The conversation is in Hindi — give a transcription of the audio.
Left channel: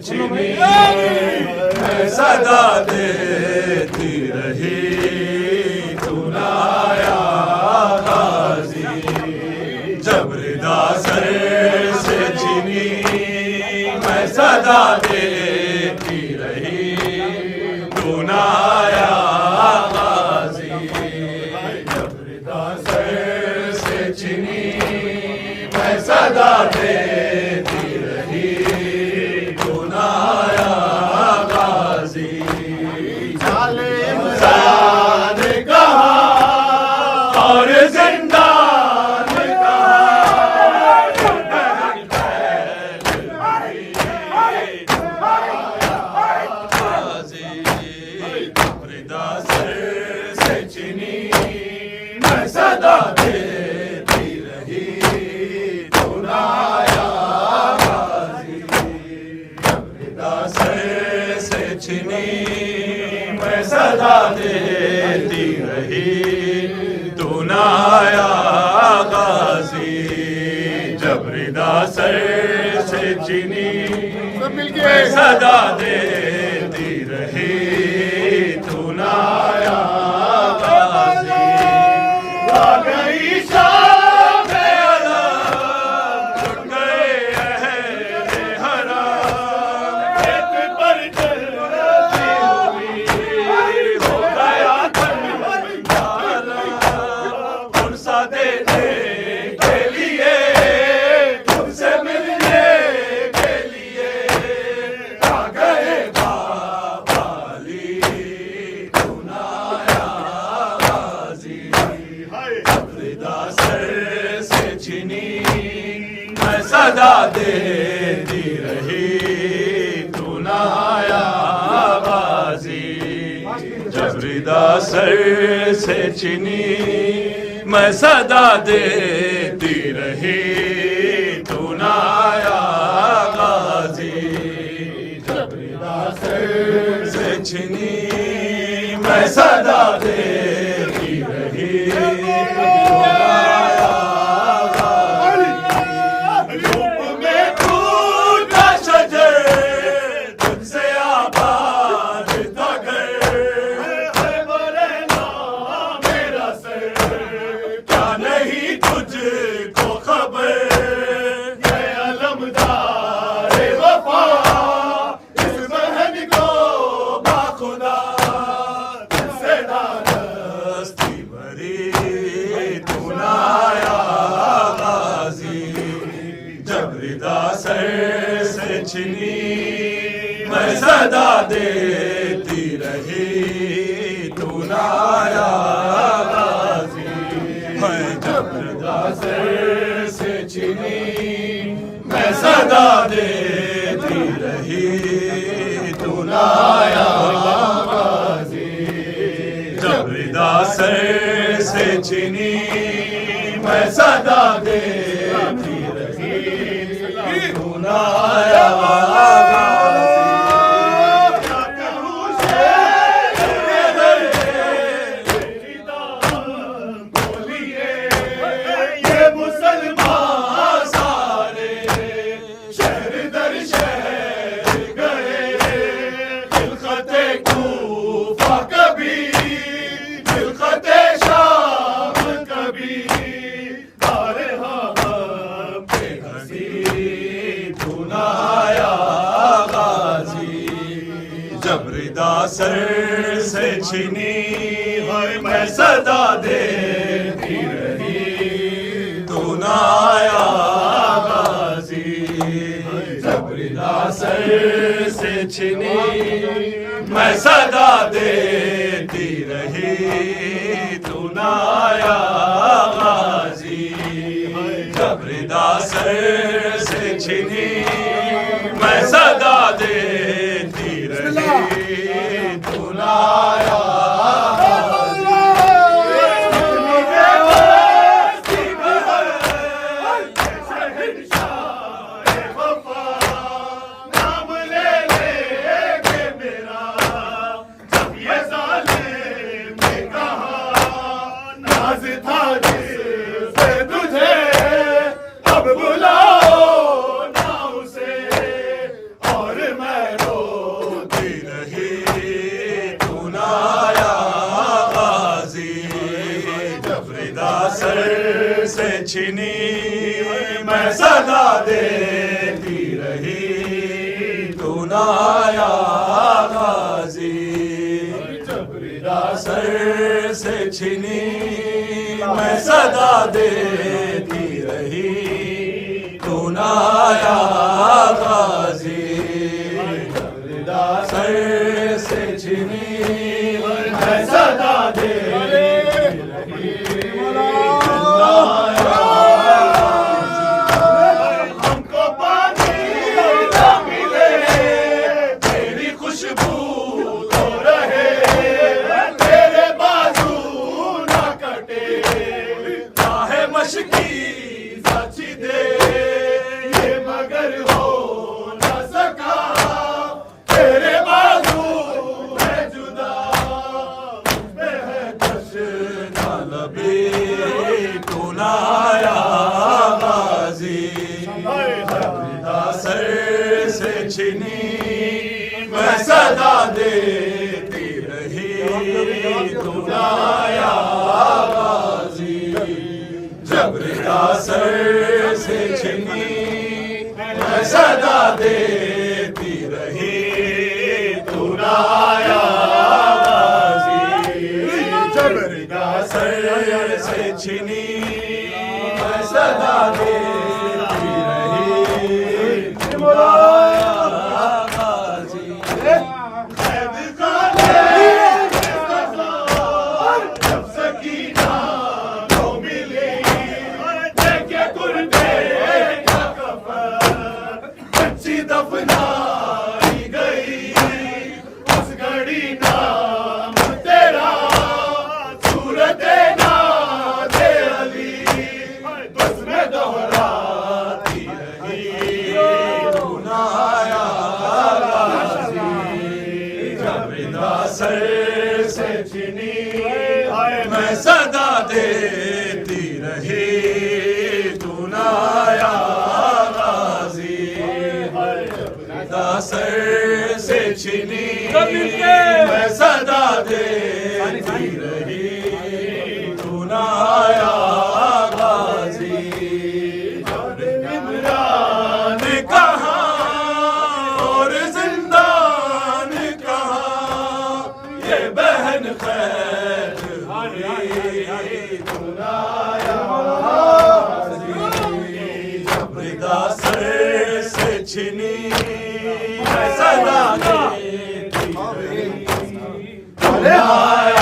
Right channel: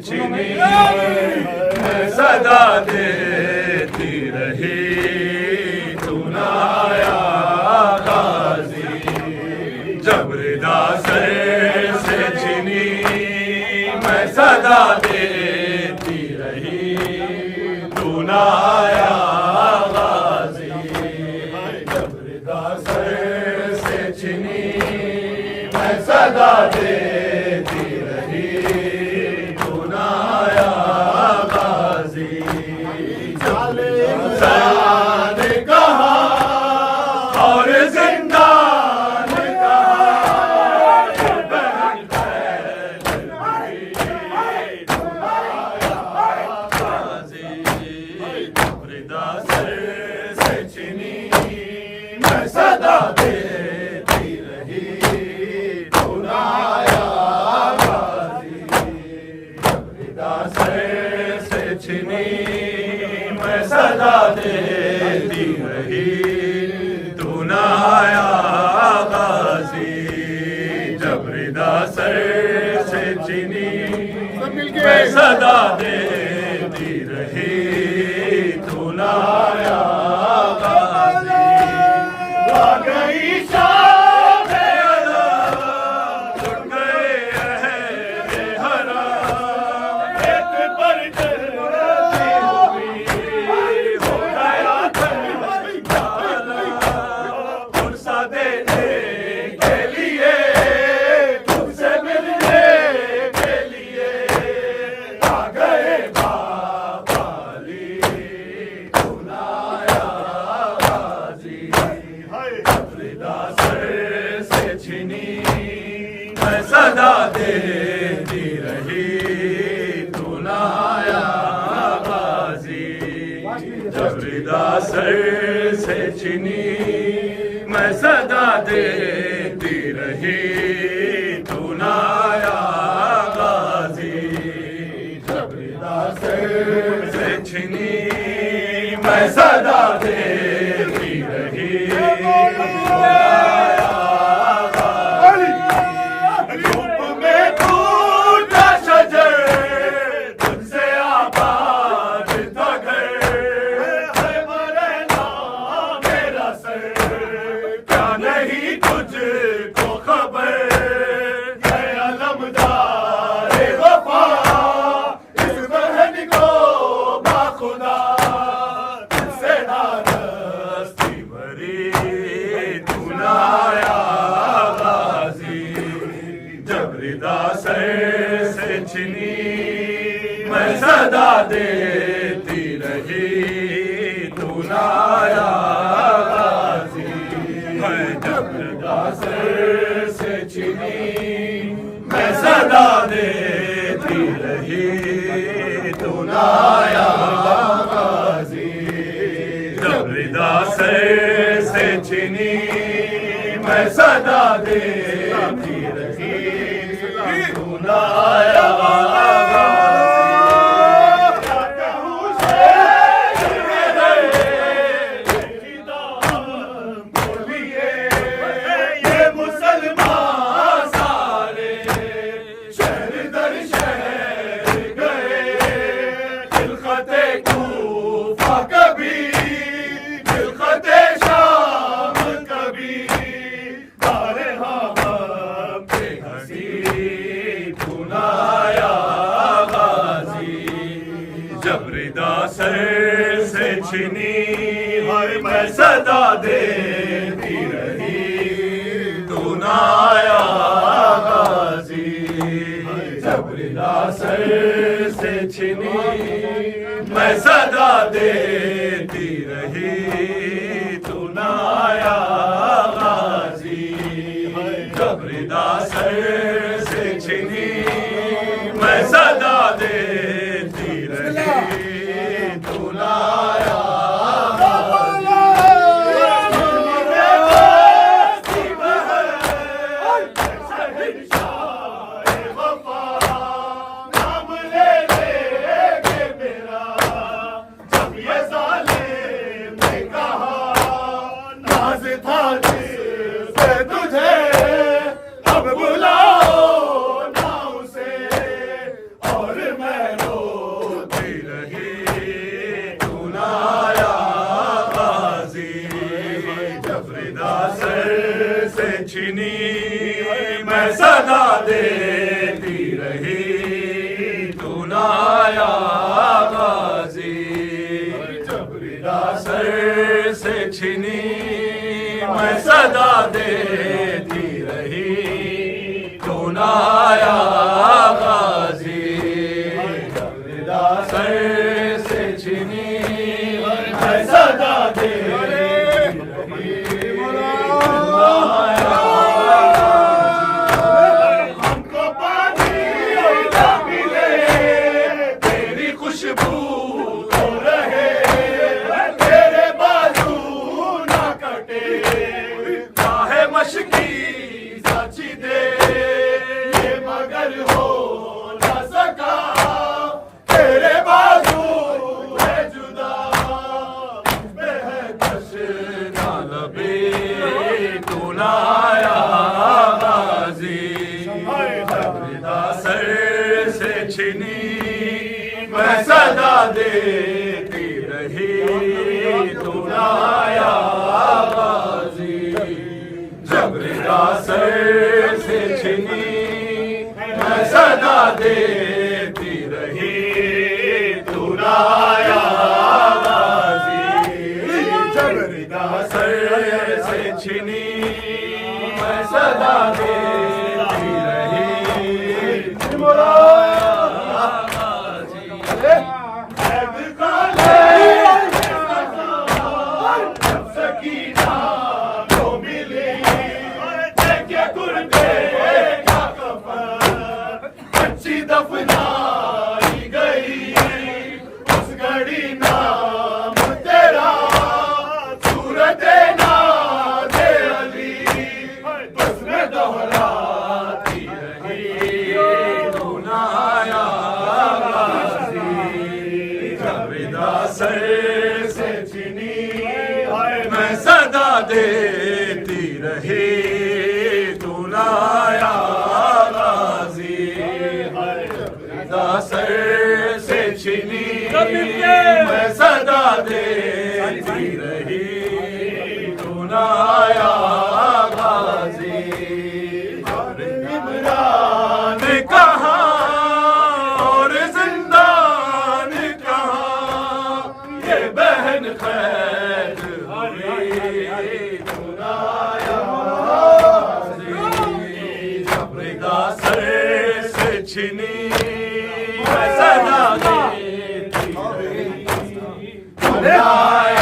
छिनी मैं सदा देती रही, तू ना आया गाजी। जब रिदा सर से छिनी मैं सदा देती रही, तू ना आया गाजी। जब रिदा सर से छिनी मैं सदा देती रही, तू ना आया गाजी। जालिम जान कहा और जिंदान कहा, बहन बैल हुई, तू ना आया गाजी। रिदा सर से छिनी मैं सदा देती रही, तू ना आया गाजी। रिदा सर से छिनी मैं सदा देती रही, तू ना आया गाजी। जब रिदा सर से छिनी मैं सदा देती रही, तू ना आया गाजी। आ गई शाम अज़ां, छुट गए अहले हराम, एक पर चलती हुई हो गया ठंडाला। फुर्सत देने के लिए, तुझसे मिलने के लिए आ गए बाबाली, तू ना आया गाजी। रिदा सर से छिनी मैं सदा देती रही, तू ना आया गाजी। जब रिदा सर से छिनी मैं सदा देती रही, तू ना आया गाजी। जब रिदा सर से छिनी मैं सदा देती रही, तू ना आया गाजी। धूप में टूटा शजर, तुझसे आबाद था घर, है मरना मेरा सर, क्या नहीं तुझको खबर। है अलमदार वफा इस बहन को बाखुदा, तुझसे नादस्ती भरी, तू ना आया गाजी। जब रिदा सर से छिनी मैं सदा देती रही, तू ना आया गाजी। जब रिदा सर से छिनी मैं सदा देती रही, तू ना आया गाजी। जब रिदा सर से छिनी मैं सदा देती रही, तू ना आया गाजी। बोलिए ये मुसलमान सारे शहर दर शहर गए, खिलखते कूफा कभी, खिलखते शाम कभी, बारे हम पे हंसी, तू ना आया गाजी। जब रिदा सर से छिनी मैं सदा देती रही, तू ना आया गाजी। जब रिदा सर से छिनी मैं सदा देती रही, तू ना आया गाजी। जब रिदा सर से छिनी मैं सदा देती रही, तू ना आया अब बुलाओ ना उसे और मैं देती रही तू ना आया गाजी। जबरीदा सर से छिनी मैं सदा देती रही तू ना आया गाजी। जबरीदा सर से छिनी मैं सदा देती रही तू ना आया। हमको पानी ना मिले तेरी खुशबू तो रहे, तेरे बाजू ना कटे चाहे मशकी साची दे ये मगर हो ना सका तेरे बाजू है जुदा मैं है कश ना लबे तू ना आया गाजी। जबरीदा सर से छिनी मैं सदा देती रही तू ना आया गाजी। जबरीदा सर से छिनी मैं सदा देती रही तू ना आया गाजी। जबरीदा सर से छिनी मैं सदा देती रही तू ना आया गाजी। जब सकीना को मिली देखे गुर्दे का कफन अच्छी दफनाई गई उस घड़ी नाम तेरा सूरत नाज अली बस में दोहराती रही तू ना आया गाजी। जबरीदा सर से छिनी मैं सदा देती रही तू ना आया गाजी। जबरीदा सर से छिनी मैं सदा देती रही तू ना आया गाजी। और इमरान कहाँ और जिंदान कहाँ ये बहन खैर हुई तू ना आया गाजी। जबरीदा सर से छिनी मैं सदा देती रही तू ना आया